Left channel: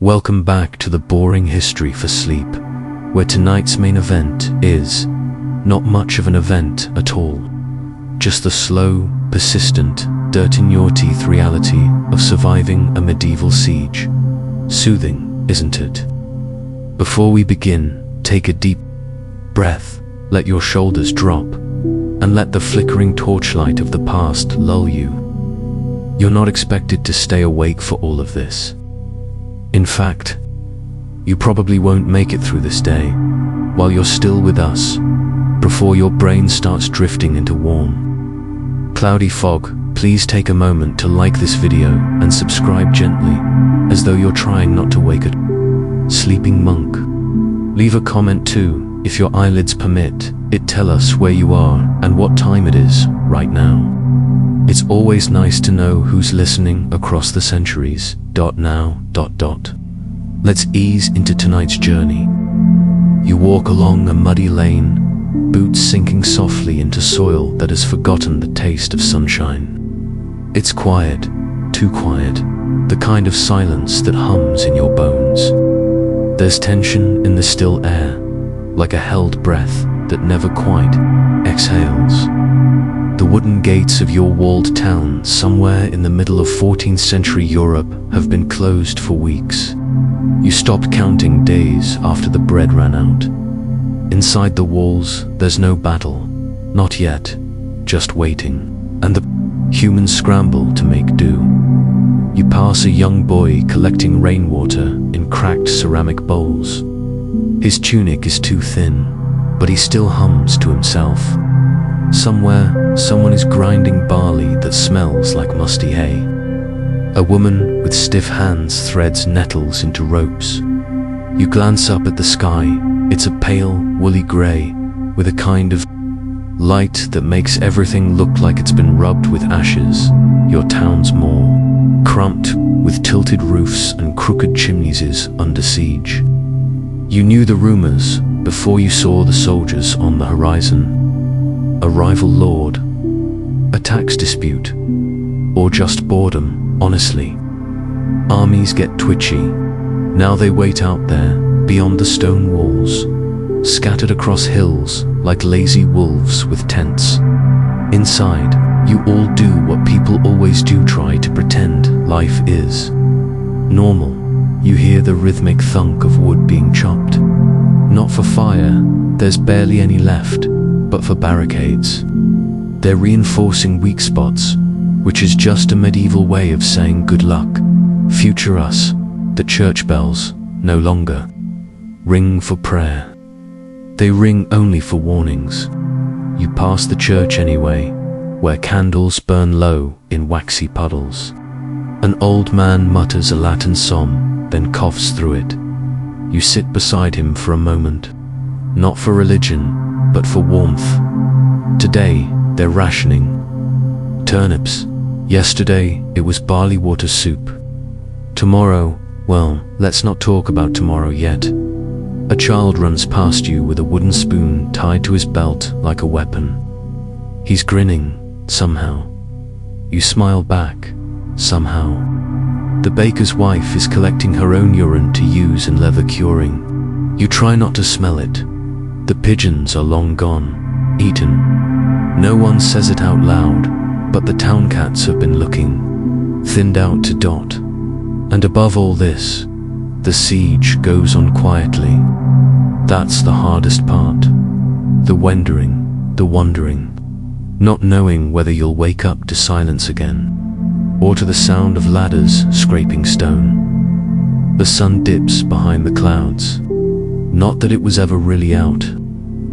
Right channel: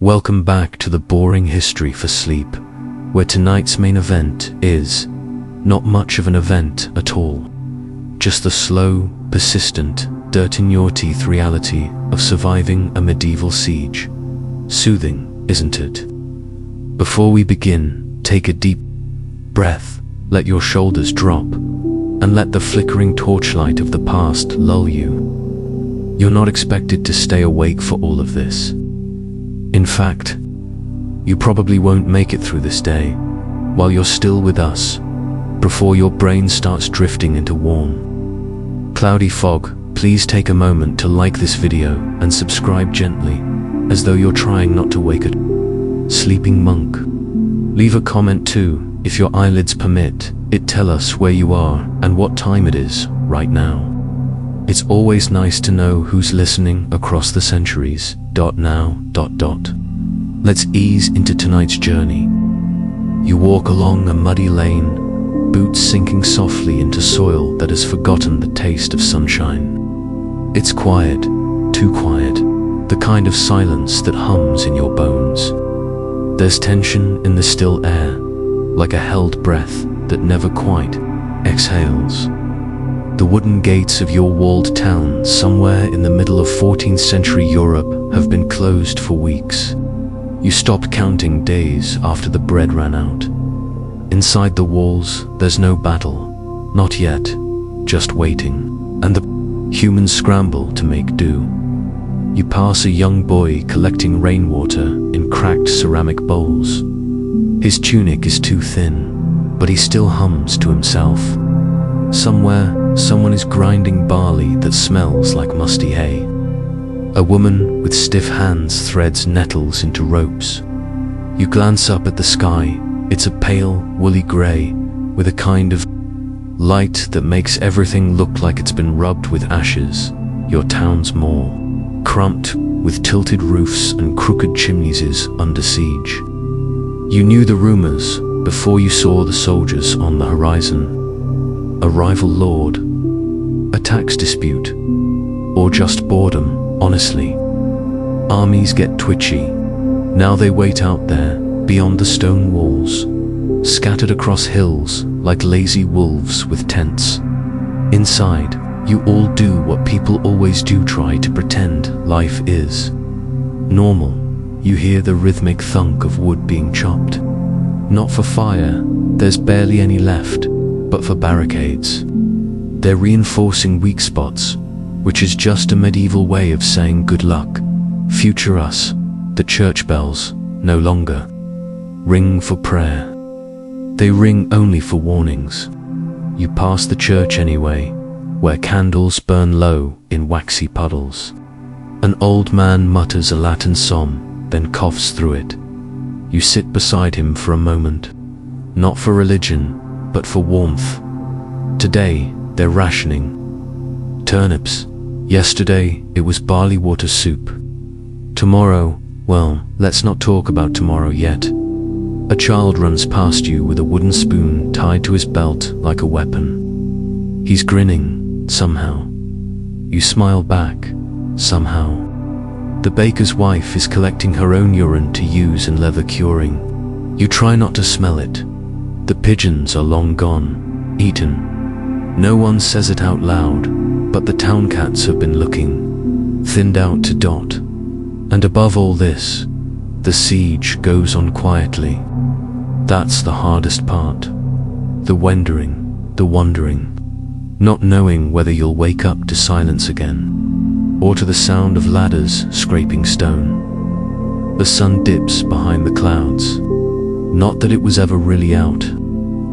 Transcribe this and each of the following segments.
Welcome back to the boring history for sleep, where tonight's main event is not much of an event at all. Just the slow, persistent, dirt-in-your-teeth reality of surviving a medieval siege. Soothing, isn't it? Before we begin, take a deep breath, let your shoulders drop, and let the flickering torchlight of the past lull you. You're not expected to stay awake for all of this. In fact, you probably won't make it through this day while you're still with us, before your brain starts drifting into warm, cloudy fog. Please take a moment to like this video and subscribe gently, as though you're trying not to wake a sleeping monk. Leave a comment too, if your eyelids permit it. Tell us where you are and what time it is right now. It's always nice to know who's listening across the centuries. Now. Let's ease into tonight's journey. You walk along a muddy lane, boots sinking softly into soil that has forgotten the taste of sunshine. It's quiet, too quiet, the kind of silence that hums in your bones. There's tension in the still air, like a held breath that never quite exhales. The wooden gates of your walled town somewhere in the middle of 14th century Europe have been closed for weeks. You stopped counting days after the bread ran out. Inside the walls, there's no battle, not yet, just waiting, and the humans scramble to make do. You pass a young boy collecting rainwater in cracked ceramic bowls. His tunic is too thin, but he still hums to himself. Somewhere, someone is grinding barley that smells like musty hay. A woman with stiff hands threads nettles into ropes. You glance up at the sky. It's a pale, woolly grey, with a kind of light that makes everything look like it's been rubbed with ashes. Your town's mall, crumped, with tilted roofs and crooked chimneys, is under siege. You knew the rumors before you saw the soldiers on the horizon. A rival lord, a tax dispute, or just boredom, honestly. Armies get twitchy. Now they wait out there, beyond the stone walls, scattered across hills like lazy wolves with tents. Inside, you all do what people always do: try to pretend life is normal. You hear the rhythmic thunk of wood being chopped. Not for fire, there's barely any left, but for barricades. They're reinforcing weak spots, which is just a medieval way of saying good luck, future us. The church bells no longer ring for prayer. They ring only for warnings. You pass the church anyway, where candles burn low in waxy puddles. An old man mutters a Latin psalm, then coughs through it. You sit beside him for a moment, not for religion, but for warmth. Today, they're rationing turnips. Yesterday, it was barley water soup. Tomorrow, well, let's not talk about tomorrow yet. A child runs past you with a wooden spoon tied to his belt like a weapon. He's grinning, somehow. You smile back, somehow. The baker's wife is collecting her own urine to use in leather curing. You try not to smell it. The pigeons are long gone, eaten. No one says it out loud, but the town cats have been looking, thinned out to dot. And above all this, the siege goes on quietly. That's the hardest part. The wondering, not knowing whether you'll wake up to silence again, or to the sound of ladders scraping stone. The sun dips behind the clouds. Not that it was ever really out.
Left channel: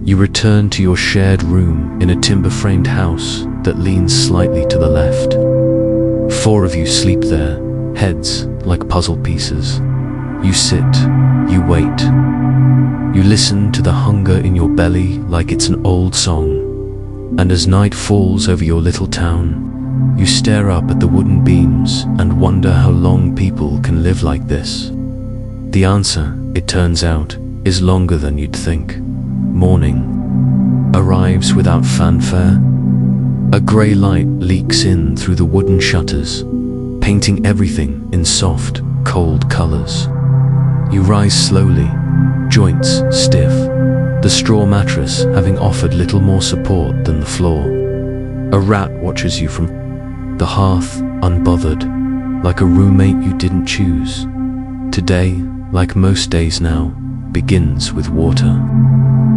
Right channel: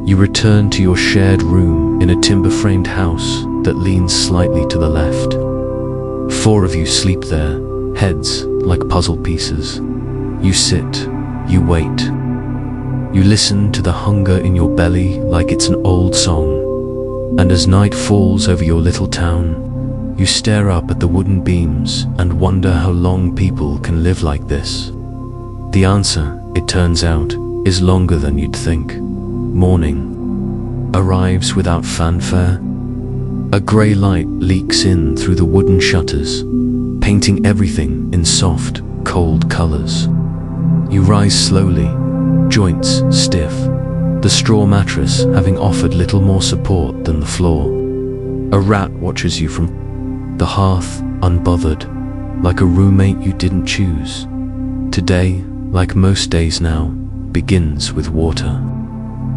You return to your shared room in a timber-framed house that leans slightly to the left. 4 of you sleep there, heads like puzzle pieces. You sit, you wait. You listen to the hunger in your belly like it's an old song. And as night falls over your little town, you stare up at the wooden beams and wonder how long people can live like this. The answer, it turns out, is longer than you'd think. Morning arrives without fanfare. A grey light leaks in through the wooden shutters, painting everything in soft, cold colors. You rise slowly, joints stiff, the straw mattress having offered little more support than the floor. A rat watches you from the hearth, unbothered, like a roommate you didn't choose. Today, like most days now, begins with water,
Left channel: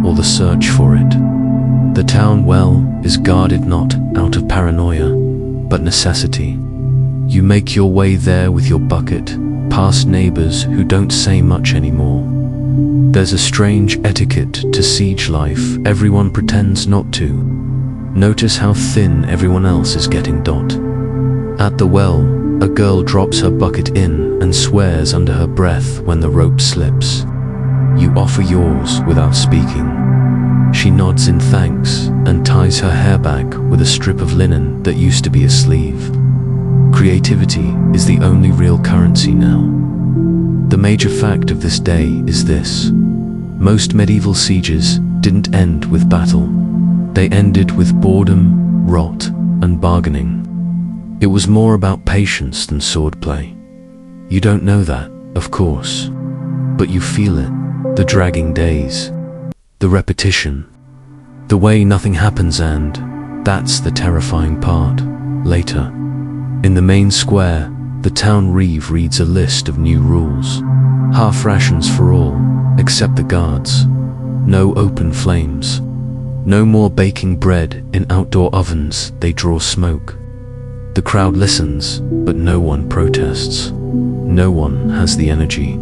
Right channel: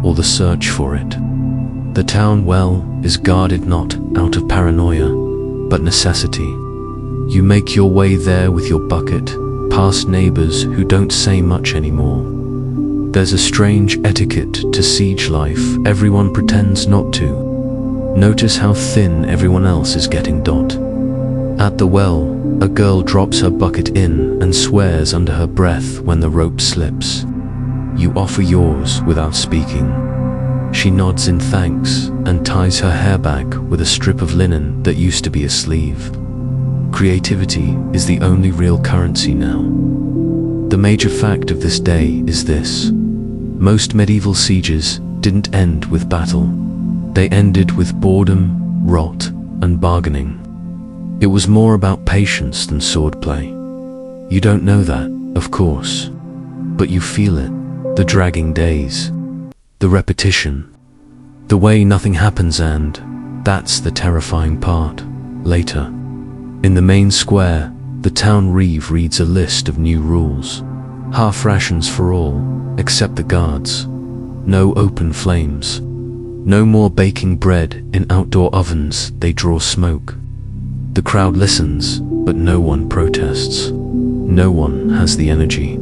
or the search for it. The town well is guarded not out of paranoia, but necessity. You make your way there with your bucket, past neighbors who don't say much anymore. There's a strange etiquette to siege life, everyone pretends not to. Notice how thin everyone else is getting. At the well, a girl drops her bucket in and swears under her breath when the rope slips. You offer yours without speaking. She nods in thanks and ties her hair back with a strip of linen that used to be a sleeve. Creativity is the only real currency now. The major fact of this day is this: most medieval sieges didn't end with battle. They ended with boredom, rot, and bargaining. It was more about patience than swordplay. You don't know that, of course, but you feel it. The dragging days, the repetition, the way nothing happens, and that's the terrifying part. Later, in the main square, the town reeve reads a list of new rules. Half rations for all, except the guards. No open flames. No more baking bread in outdoor ovens, they draw smoke. The crowd listens, but no one protests. No one has the energy.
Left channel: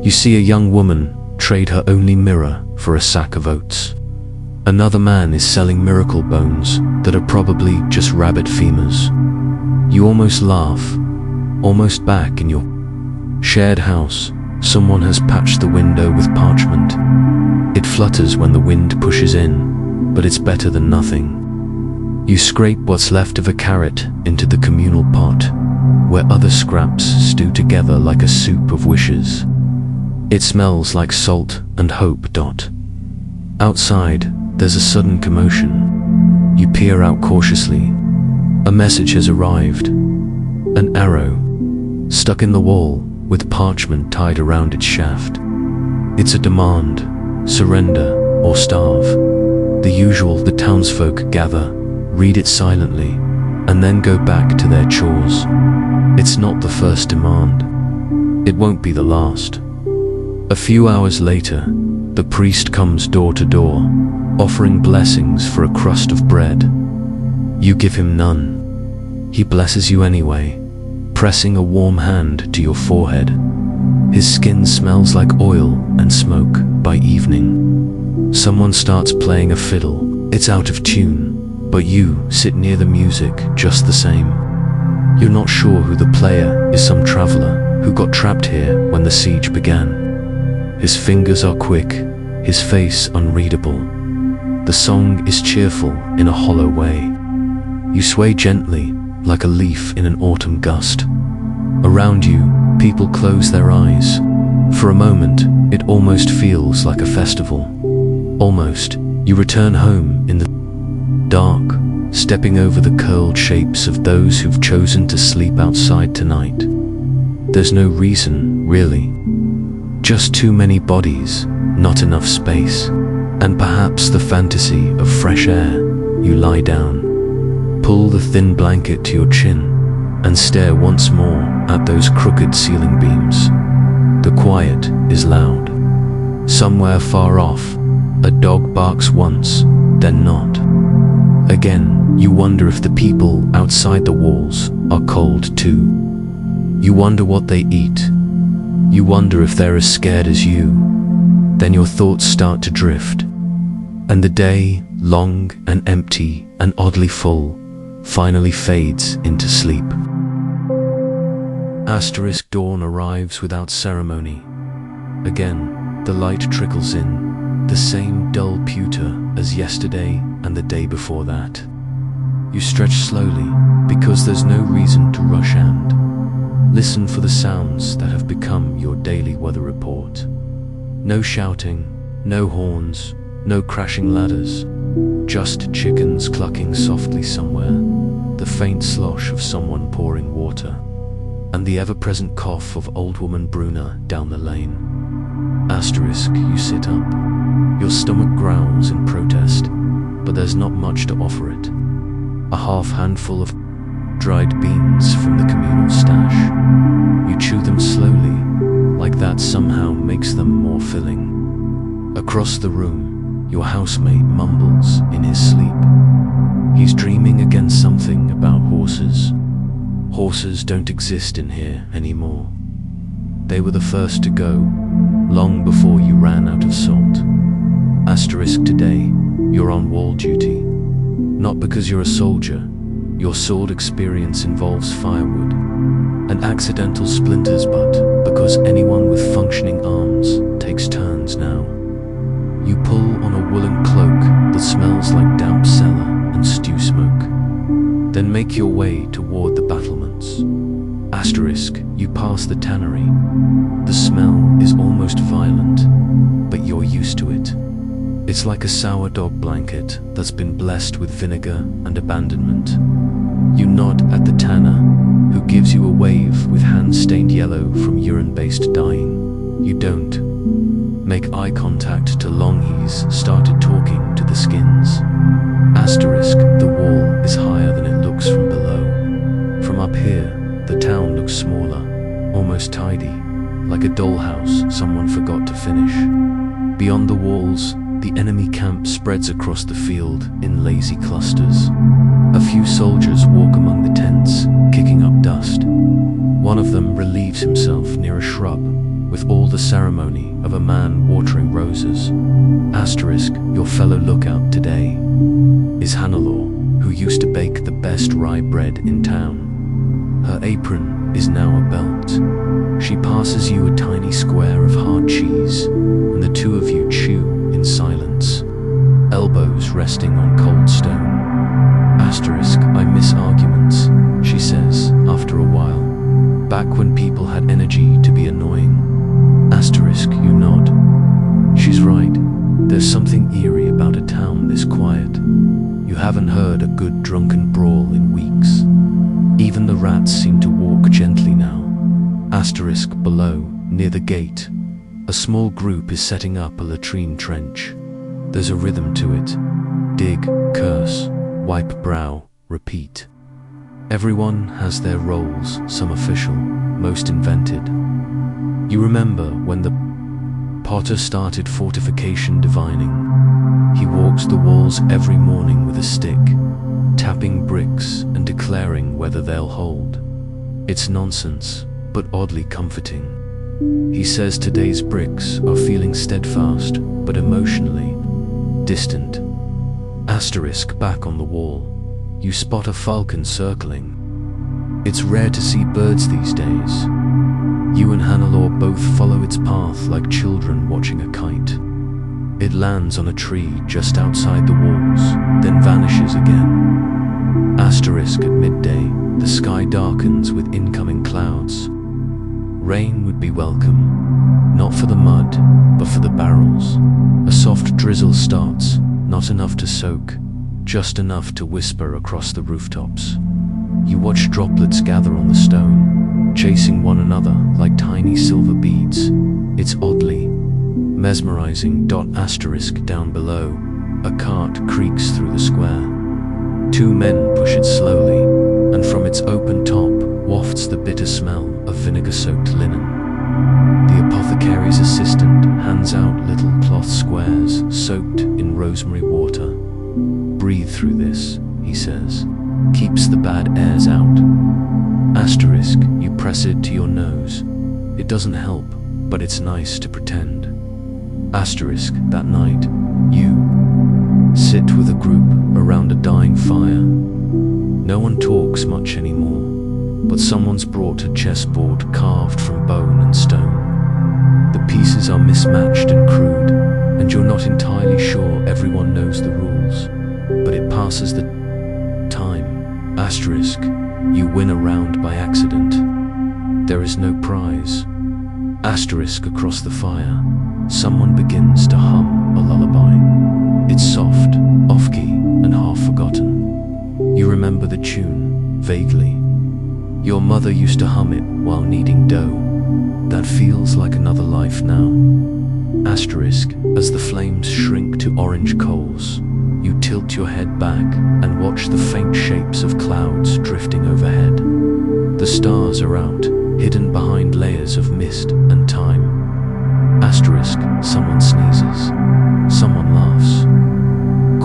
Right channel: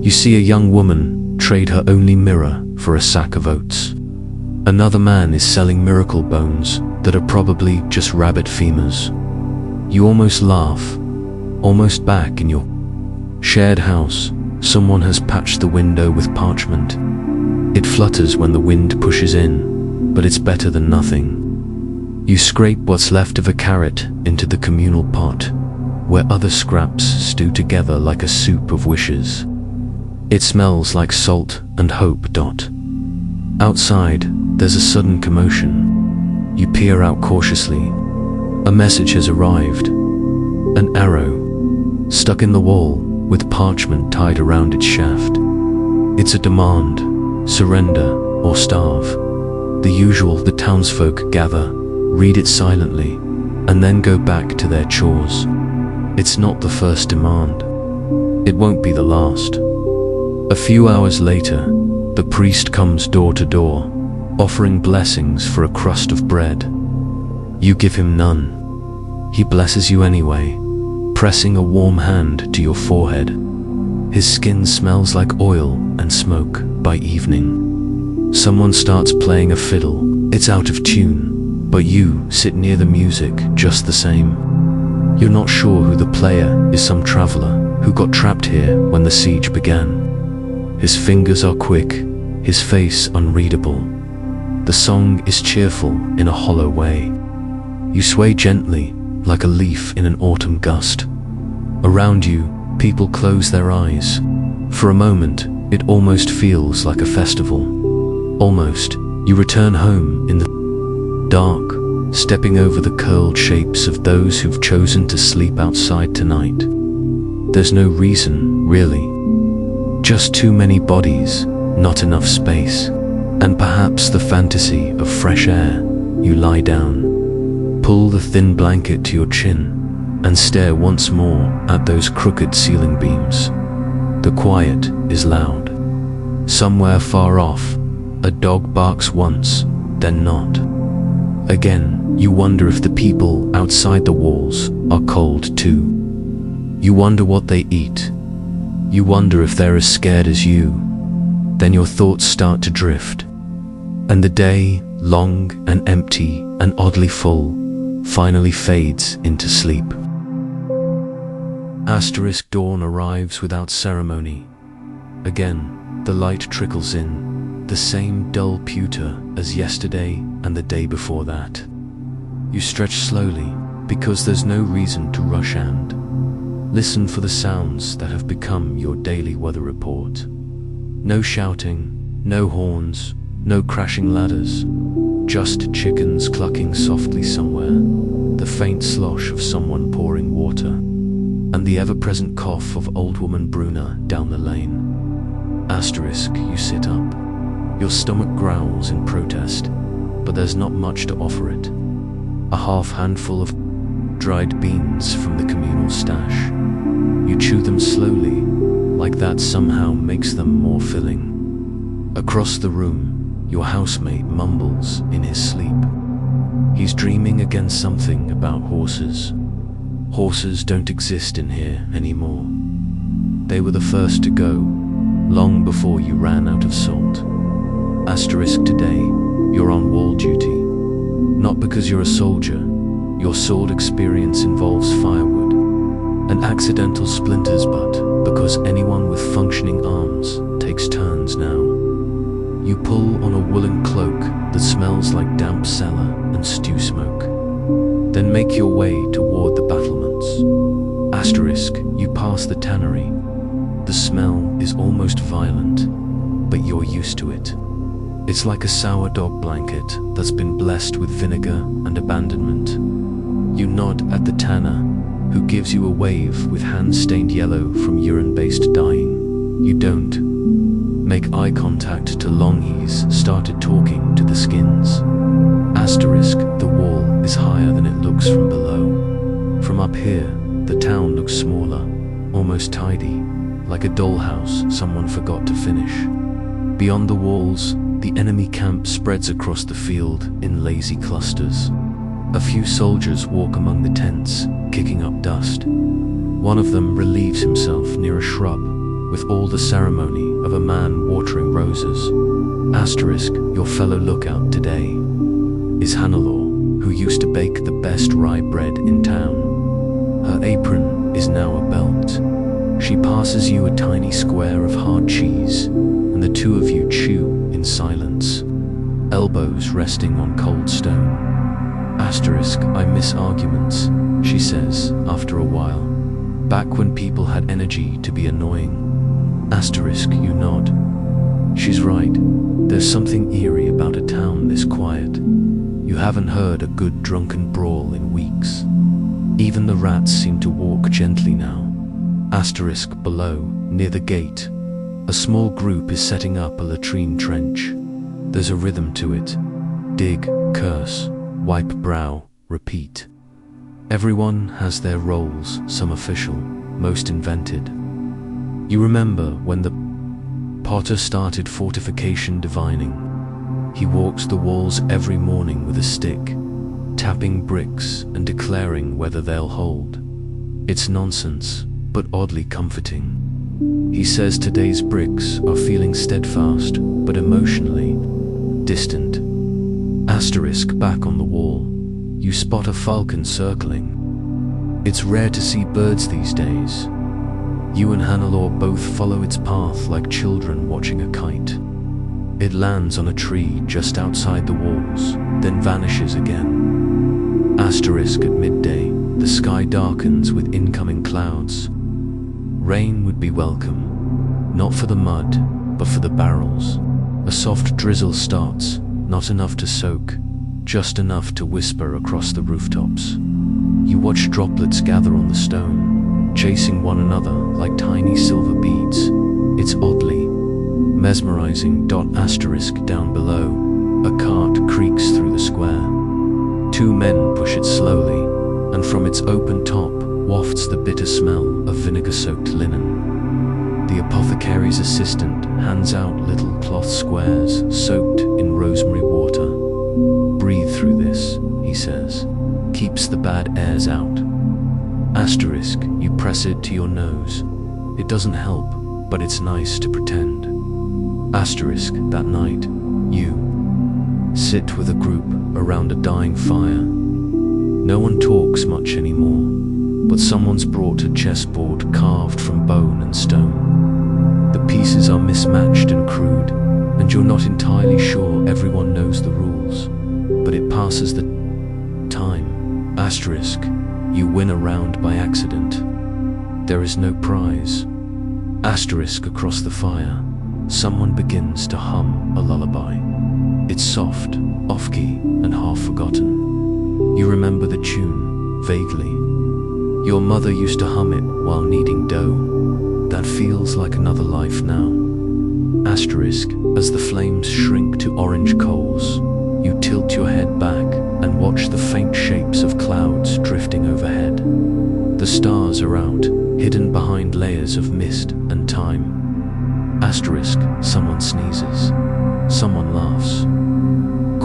You see a young woman trade her only mirror for a sack of oats. Another man is selling miracle bones that are probably just rabbit femurs. You almost laugh, almost back in your shared house. Someone has patched the window with parchment. It flutters when the wind pushes in, but it's better than nothing. You scrape what's left of a carrot into the communal pot, where other scraps stew together like a soup of wishes. It smells like salt and hope. Outside, there's a sudden commotion. You peer out cautiously. A message has arrived. An arrow, stuck in the wall, with parchment tied around its shaft. It's a demand: surrender or starve. The usual. The townsfolk gather, read it silently, and then go back to their chores. It's not the first demand. It won't be the last. A few hours later, the priest comes door to door, offering blessings for a crust of bread. You give him none. He blesses you anyway, pressing a warm hand to your forehead. His skin smells like oil and smoke by evening. Someone starts playing a fiddle. It's out of tune, but you sit near the music just the same. You're not sure who the player is. Some traveler who got trapped here when the siege began. His fingers are quick, his face unreadable. The song is cheerful in a hollow way. You sway gently, like a leaf in an autumn gust. Around you, people close their eyes. For a moment, it almost feels like a festival. Almost, you return home in the dark, stepping over the curled shapes of those who've chosen to sleep outside tonight. There's no reason, really. Just too many bodies, not enough space, and perhaps the fantasy of fresh air. You lie down, pull the thin blanket to your chin, and stare once more at those crooked ceiling beams. The quiet is loud. Somewhere far off, a dog barks once, then not. Again, you wonder if the people outside the walls are cold too. You wonder what they eat. You wonder if they're as scared as you. Then your thoughts start to drift, and the day, long and empty and oddly full, finally fades into sleep. Dawn arrives without ceremony. Again, the light trickles in, the same dull pewter as yesterday and the day before that. You stretch slowly, because there's no reason to rush, and listen for the sounds that have become your daily weather report. No shouting, no horns, no crashing ladders, just chickens clucking softly somewhere, the faint slosh of someone pouring water, and the ever-present cough of old woman Bruna down the lane. Asterisk, you sit up. Your stomach growls in protest, but there's not much to offer it. A half handful of dried beans from the communal stash. You chew them slowly, like that somehow makes them more filling. Across the room, your housemate mumbles in his sleep. He's dreaming against something about horses. Horses don't exist in here anymore. They were the first to go, long before you ran out of salt. Asterisk, today, you're on wall duty. Not because you're a soldier. Your sword experience involves firewood and accidental splinters, but because anyone with functioning arms takes turns now. You pull on a woolen cloak that smells like damp cellar and stew smoke. Then make your way toward the battlements. Asterisk, you pass the tannery. The smell is almost violent, but you're used to it. It's like a sour dog blanket that's been blessed with vinegar and abandonment. You nod at the tanner, who gives you a wave with hands stained yellow from urine-based dyeing. You don't. Make eye contact till Longhe's started talking to the skins. Asterisk, the wall is higher than it looks from below. From up here, the town looks smaller, almost tidy, like a dollhouse someone forgot to finish. Beyond the walls, the enemy camp spreads across the field in lazy clusters. A few soldiers walk among the tents, kicking up dust. One of them relieves himself near a shrub, with all the ceremony of a man watering roses. Asterisk, your fellow lookout today is Hannelore, who used to bake the best rye bread in town. Her apron is now a belt. She passes you a tiny square of hard cheese, and the two of you chew in silence, elbows resting on cold stone. Asterisk, I miss arguments, she says after a while, back when people had energy to be annoying. Asterisk, you nod. She's right, there's something eerie about a town this quiet. You haven't heard a good drunken brawl in weeks. Even the rats seem to walk gently now. Asterisk, below, near the gate, a small group is setting up a latrine trench. There's a rhythm to it. Dig, curse, wipe brow, repeat. Everyone has their roles, some official, most invented. You remember when the potter started fortification divining. He walks the walls every morning with a stick, tapping bricks and declaring whether they'll hold. It's nonsense, but oddly comforting. He says today's bricks are feeling steadfast, but emotionally distant. Asterisk, back on the wall, you spot a falcon circling. It's rare to see birds these days. You and Hannelore both follow its path like children watching a kite. It lands on a tree just outside the walls, then vanishes again. Asterisk, at midday, the sky darkens with incoming clouds. Rain would be welcome, not for the mud, but for the barrels. A soft drizzle starts, not enough to soak, just enough to whisper across the rooftops. You watch droplets gather on the stone, chasing one another like tiny silver beads. It's oddly mesmerizing. Asterisk, down below, a cart creaks through the square. Two men push it slowly, and from its open top wafts the bitter smell of vinegar-soaked linen. The apothecary's assistant hands out little cloth squares soaked in rosemary water. Breathe through this, he says. Keeps the bad airs out. Asterisk, you press it to your nose. It doesn't help, but it's nice to pretend. Asterisk, that night, you sit with a group around a dying fire. No one talks much anymore, but someone's brought a chessboard carved from bone and stone. The pieces are mismatched and crude, and you're not entirely sure everyone knows the rules, but it passes the time. Asterisk, you win a round by accident. There is no prize. Asterisk, across the fire, someone begins to hum a lullaby. It's soft, off-key, and half forgotten. You remember the tune, vaguely. Your mother used to hum it while kneading dough. That feels like another life now. Asterisk, as the flames shrink to orange coals, you tilt your head back and watch the faint shapes of clouds drifting overhead. The stars are out, hidden behind layers of mist and time. Asterisk, someone sneezes. Someone laughs.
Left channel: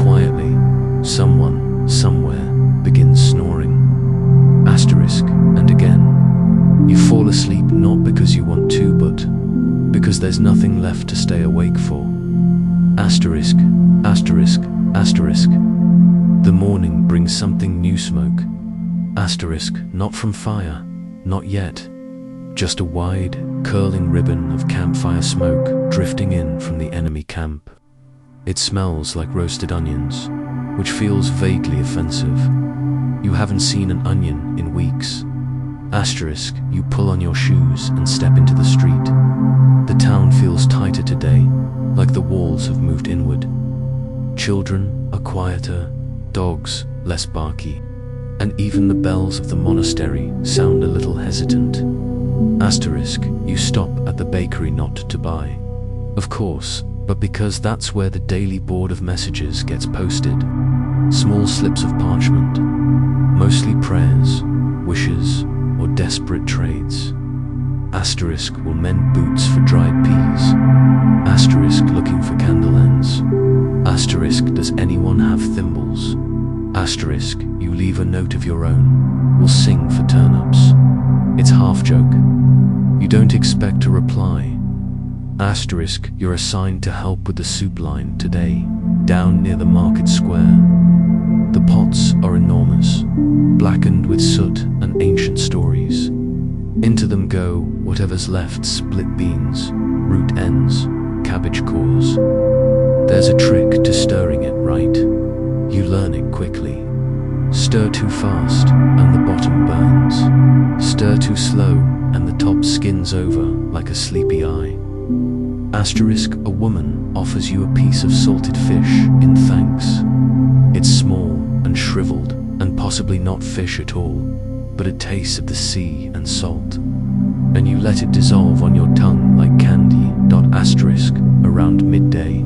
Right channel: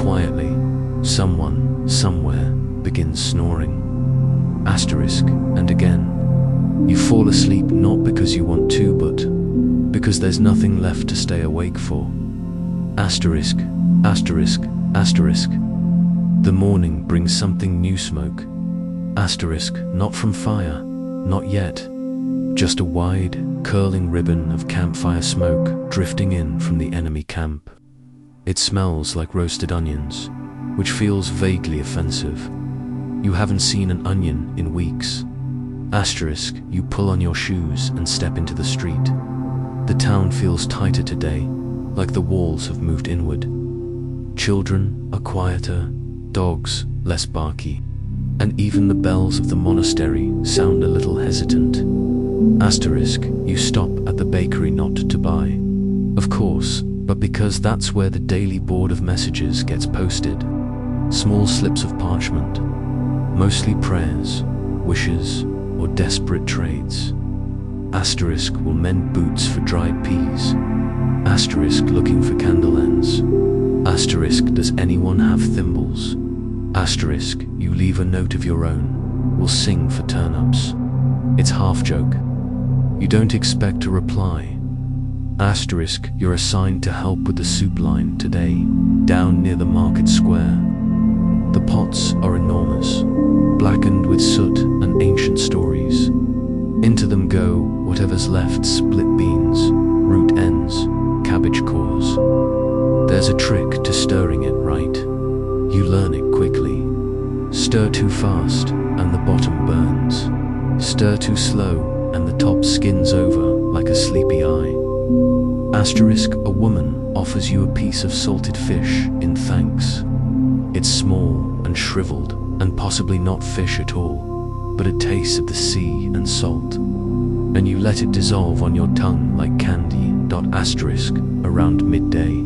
Quietly, someone, somewhere, begins snoring. Asterisk, and again. You fall asleep not because you want to, but because there's nothing left to stay awake for. Asterisk, asterisk, asterisk. The morning brings something new, smoke. Asterisk, not from fire, not yet. Just a wide, curling ribbon of campfire smoke drifting in from the enemy camp. It smells like roasted onions, which feels vaguely offensive. You haven't seen an onion in weeks. Asterisk, you pull on your shoes and step into the street. The town feels tighter today, like the walls have moved inward. Children are quieter, dogs less barky, and even the bells of the monastery sound a little hesitant. Asterisk, you stop at the bakery not to buy. Of course, but because that's where the daily board of messages gets posted. Small slips of parchment, mostly prayers, wishes, or desperate trades. Asterisk will mend boots for dried peas. Asterisk looking for candle ends. Asterisk, does anyone have thimbles? Asterisk, you leave a note of your own. We'll sing for turnips. It's half joke. You don't expect a reply. Asterisk, you're assigned to help with the soup line today, down near the market square. The pots are enormous, blackened with soot and ancient stories. Into them go whatever's left: split beans, root ends, cabbage cores. There's a trick to stirring it right. You learn it quickly. Stir too fast and the bottom burns. Stir too slow and the top skins over like a sleepy eye. Asterisk, a woman offers you a piece of salted fish in thanks. It's small and shriveled and possibly not fish at all, but it tastes of the sea and salt. And you let it dissolve on your tongue like candy. Asterisk, around midday.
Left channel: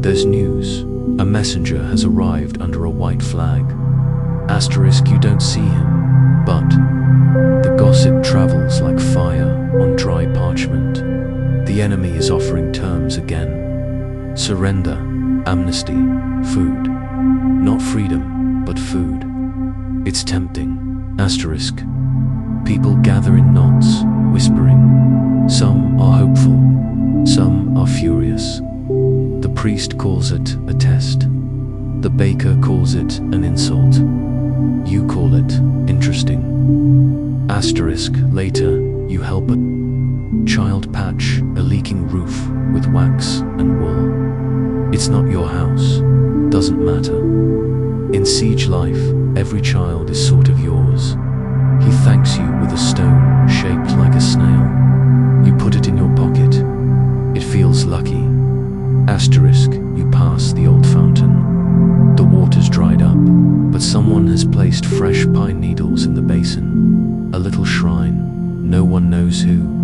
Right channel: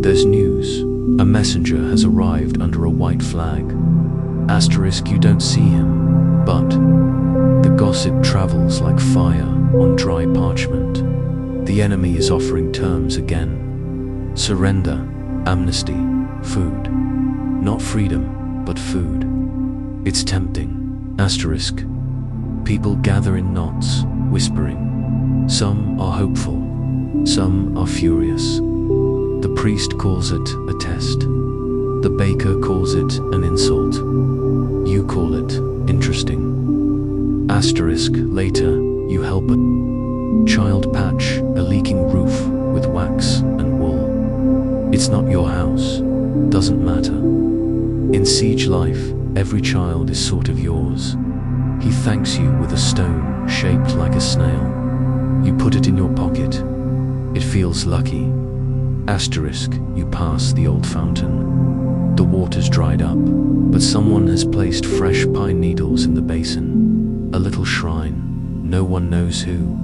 There's news. A messenger has arrived under a white flag. Asterisk, you don't see him, but the gossip travels like fire on dry parchment. The enemy is offering terms again. Surrender, amnesty, food. Not freedom, but food. It's tempting. Asterisk. People gather in knots, whispering. Some are hopeful, some are furious. The priest calls it a test. The baker calls it an insult. You call it interesting. Asterisk, later, you help a child patch a leaking roof with wax and wool. It's not your house, doesn't matter. In siege life, every child is sort of yours. He thanks you with a stone shaped like a snail. You put it in your pocket. It feels lucky. Asterisk, you pass the old fountain. The water's dried up, but someone has placed fresh pine needles in the basin. A little shrine, no one knows who.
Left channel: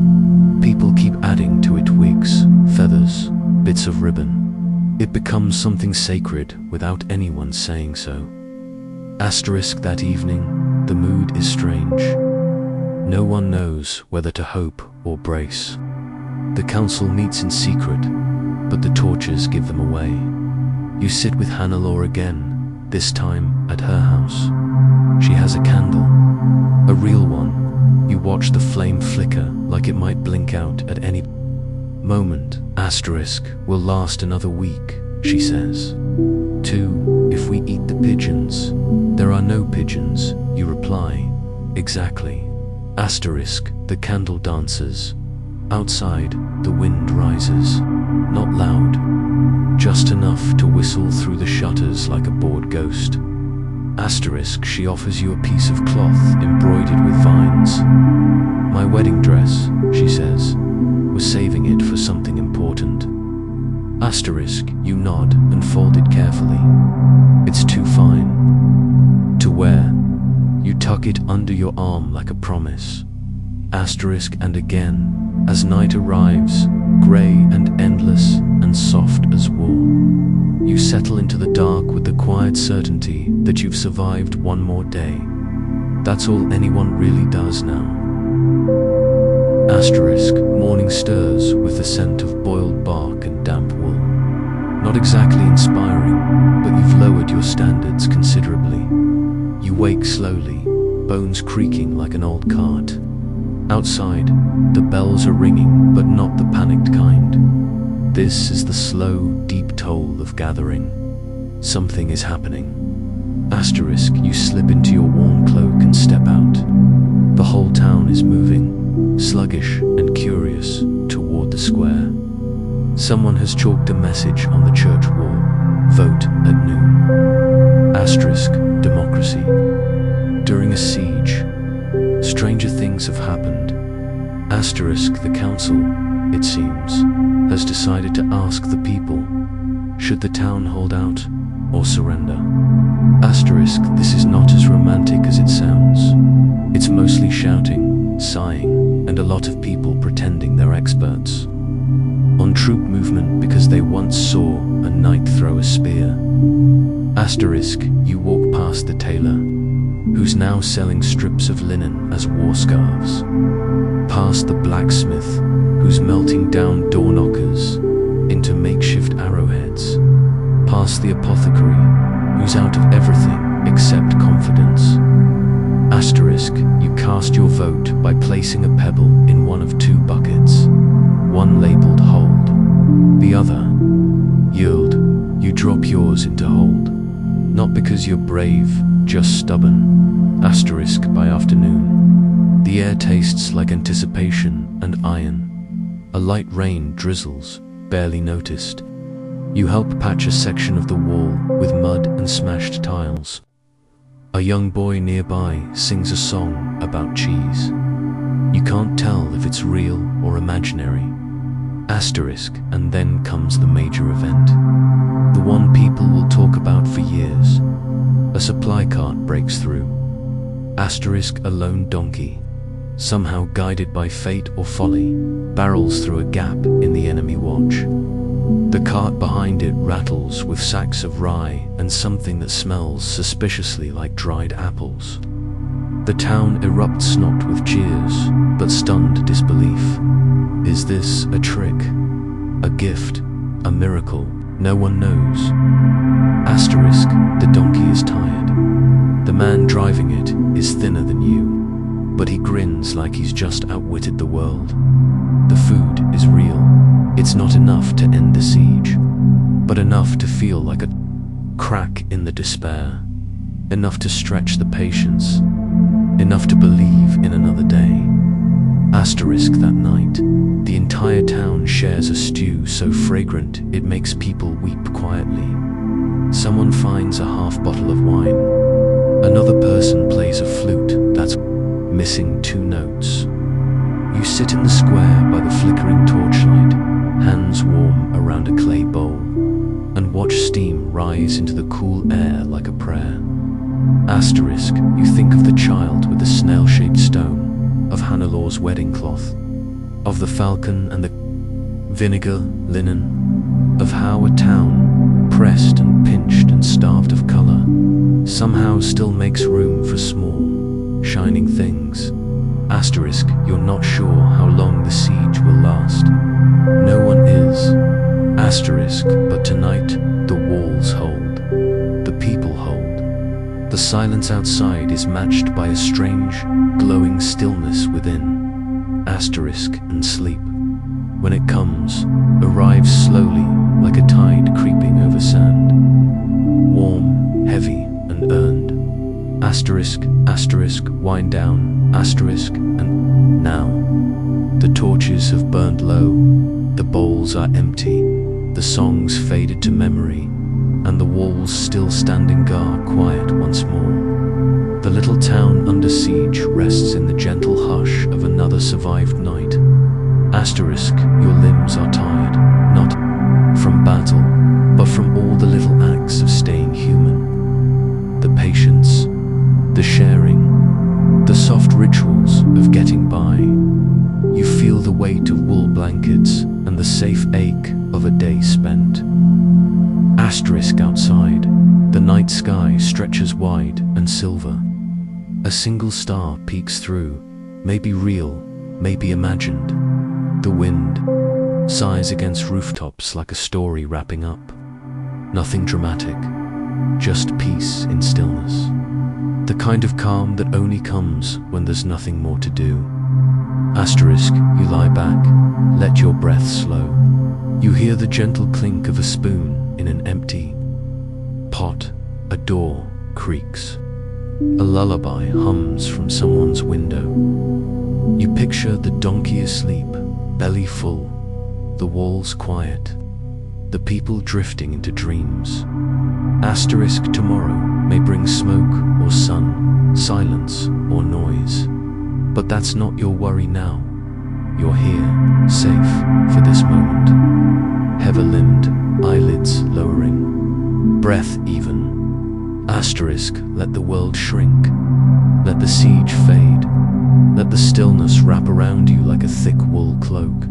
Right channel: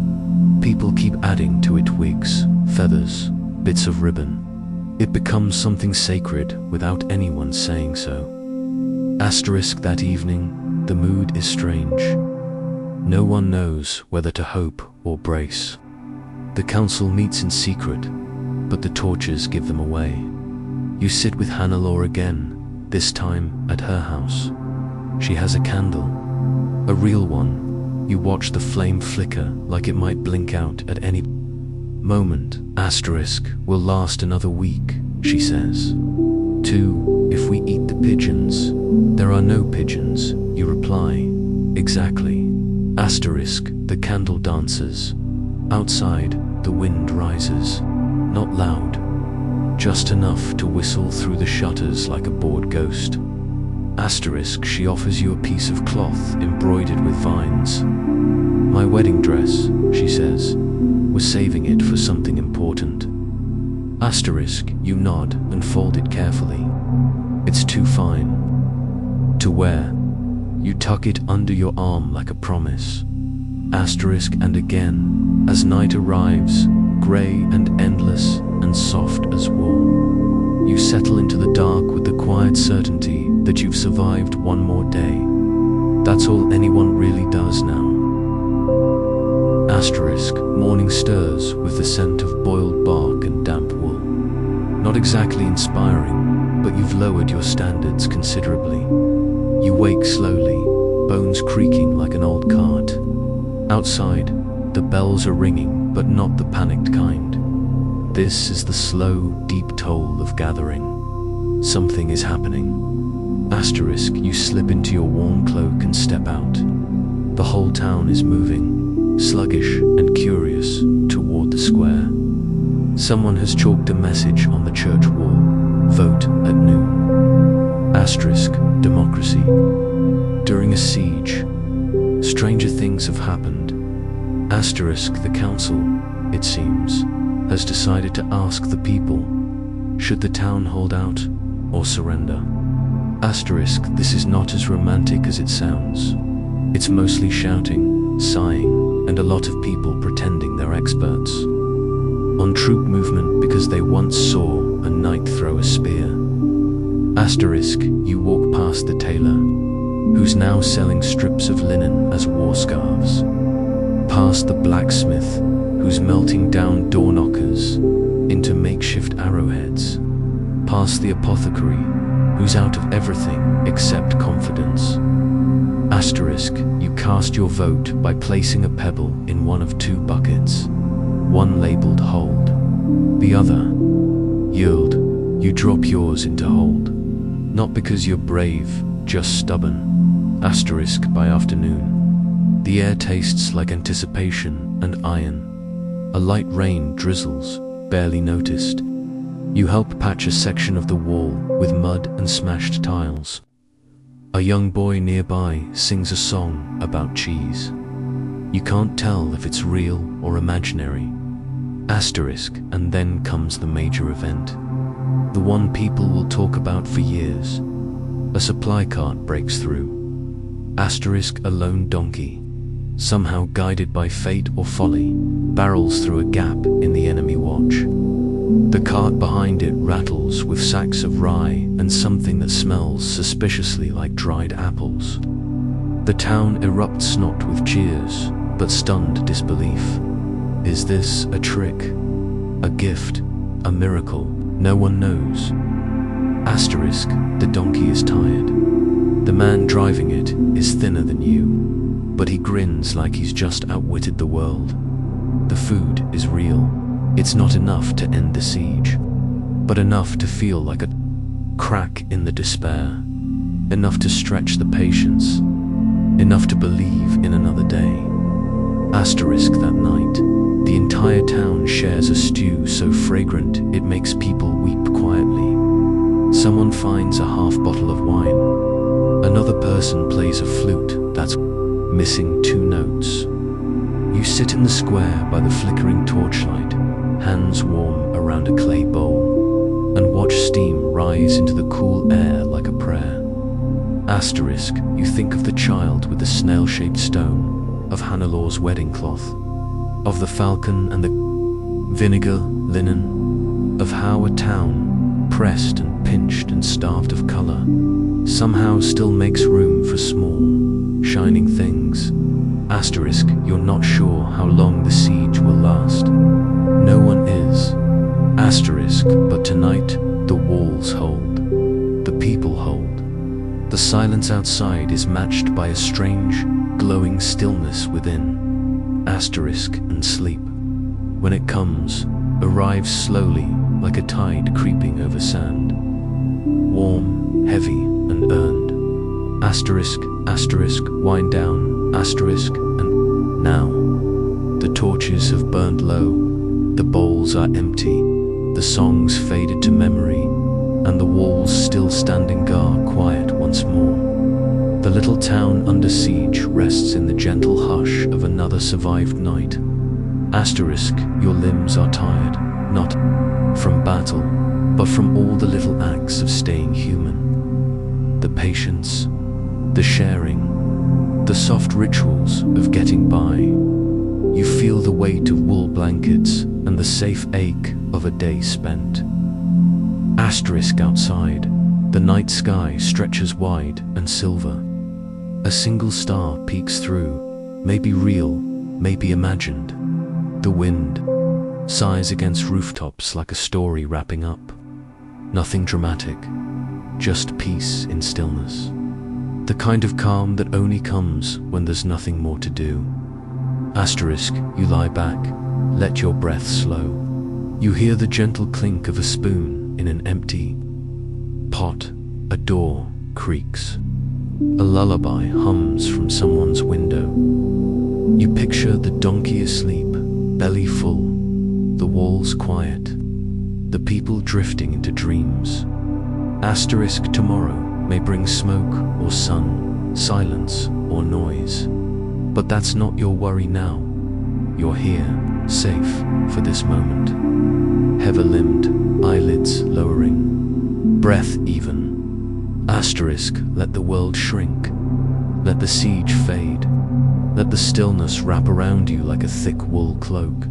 People keep adding to it twigs, feathers, bits of ribbon. It becomes something sacred without anyone saying so. Asterisk, that evening, the mood is strange. No one knows whether to hope or brace. The council meets in secret, but the torches give them away. You sit with Hannelore again, this time at her house. She has a candle, a real one. You watch the flame flicker like it might blink out at any moment. Asterisk, will last another week, she says. 2, if we eat the pigeons. There are no pigeons, you reply. Exactly. Asterisk, the candle dances. Outside, the wind rises. Not loud, just enough to whistle through the shutters like a bored ghost. Asterisk, she offers you a piece of cloth embroidered with vines. My wedding dress, she says, was saving it for something important. Asterisk, you nod and fold it carefully. It's too fine to wear. You tuck it under your arm like a promise. Asterisk, and again, as night arrives, grey and endless and soft as wool, you settle into the dark with the quiet certainty that you've survived one more day. That's all anyone really does now. Asterisk, morning stirs with the scent of boiled bark and damp wool. Not exactly inspiring, but you've lowered your standards considerably. You wake slowly, bones creaking like an old cart. Outside, the bells are ringing, but not the panicked kind. This is the slow, deep toll of gathering. Something is happening. Asterisk, you slip into your worn cloak and step out. The whole town is moving, sluggish and curious, toward the square. Someone has chalked a message on the church wall: vote at noon. Asterisk, democracy. During a siege, stranger things have happened. Asterisk, the council, it seems, has decided to ask the people, should the town hold out or surrender? Asterisk, this is not as romantic as it sounds. It's mostly shouting, sighing, and a lot of people pretending they're experts on troop movement because they once saw a knight throw a spear. Asterisk, you walk past the tailor, who's now selling strips of linen as war scarves. Past the blacksmith, who's melting down door knockers into makeshift arrowheads. Past the apothecary, who's out of everything except confidence. Asterisk, you cast your vote by placing a pebble in one of two buckets, one labeled hold, the other yield. You drop yours into hold, not because you're brave, just stubborn. Asterisk, by afternoon, the air tastes like anticipation and iron. A light rain drizzles, barely noticed. You help patch a section of the wall with mud and smashed tiles. A young boy nearby sings a song about cheese. You can't tell if it's real or imaginary. Asterisk, and then comes the major event. The one people will talk about for years. A supply cart breaks through. Asterisk, a lone donkey, somehow guided by fate or folly, barrels through a gap in the enemy watch. The cart behind it rattles with sacks of rye and something that smells suspiciously like dried apples. The town erupts not with cheers, but stunned disbelief. Is this a trick? A gift? A miracle? No one knows. Asterisk, the donkey is tired. The man driving it is thinner than you, but he grins like he's just outwitted the world. The food is real. It's not enough to end the siege, but enough to feel like a crack in the despair, enough to stretch the patience, enough to believe in another day. Asterisk, that night, the entire town shares a stew so fragrant it makes people weep quietly. Someone finds a half bottle of wine. Another person plays a flute that's missing 2 notes. You sit in the square by the flickering torchlight, hands warm around a clay bowl, and watch steam rise into the cool air like a prayer. Asterisk, you think of the child with the snail-shaped stone, of Hannelor's wedding cloth, of the falcon and the vinegar linen, of how a town, pressed and pinched and starved of color, somehow still makes room for small, shining things. Asterisk, you're not sure how long the siege will last. No one is. Asterisk, but tonight the walls hold. The people hold. The silence outside is matched by a strange, glowing stillness within. Asterisk, and sleep, when it comes, arrives slowly like a tide creeping over sand. Warm, heavy, and earned. Asterisk, asterisk, wind down, asterisk, and now. The torches have burned low, the bowls are empty, the songs faded to memory, and the walls still standing guard quiet once more. The little town under siege rests in the gentle hush of another survived night. Asterisk, your limbs are tired, not from battle, but from all the little acts of staying human. The patience, the sharing, The soft rituals of getting by. You feel the weight of wool blankets and the safe ache of a day spent. Asterisk outside, the night sky stretches wide and silver. A single star peeks through, maybe real, maybe imagined. The wind sighs against rooftops like a story wrapping up. Nothing dramatic, just peace in stillness. The kind of calm that only comes when there's nothing more to do. Asterisk, you lie back, let your breath slow. You hear the gentle clink of a spoon in an empty pot. A door creaks. A lullaby hums from someone's window. You picture the donkey asleep, belly full, the walls quiet, the people drifting into dreams. Asterisk, tomorrow may bring smoke or sun, silence or noise. But that's not your worry now. You're here, safe for this moment. Heavy-limbed, eyelids lowering, breath even. Asterisk, let the world shrink. Let the siege fade. Let the stillness wrap around you like a thick wool cloak.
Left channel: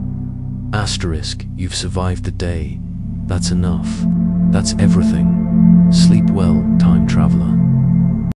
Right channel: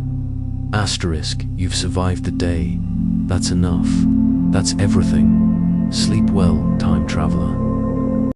Asterisk, you've survived the day. That's enough. That's everything. Sleep well, time traveler.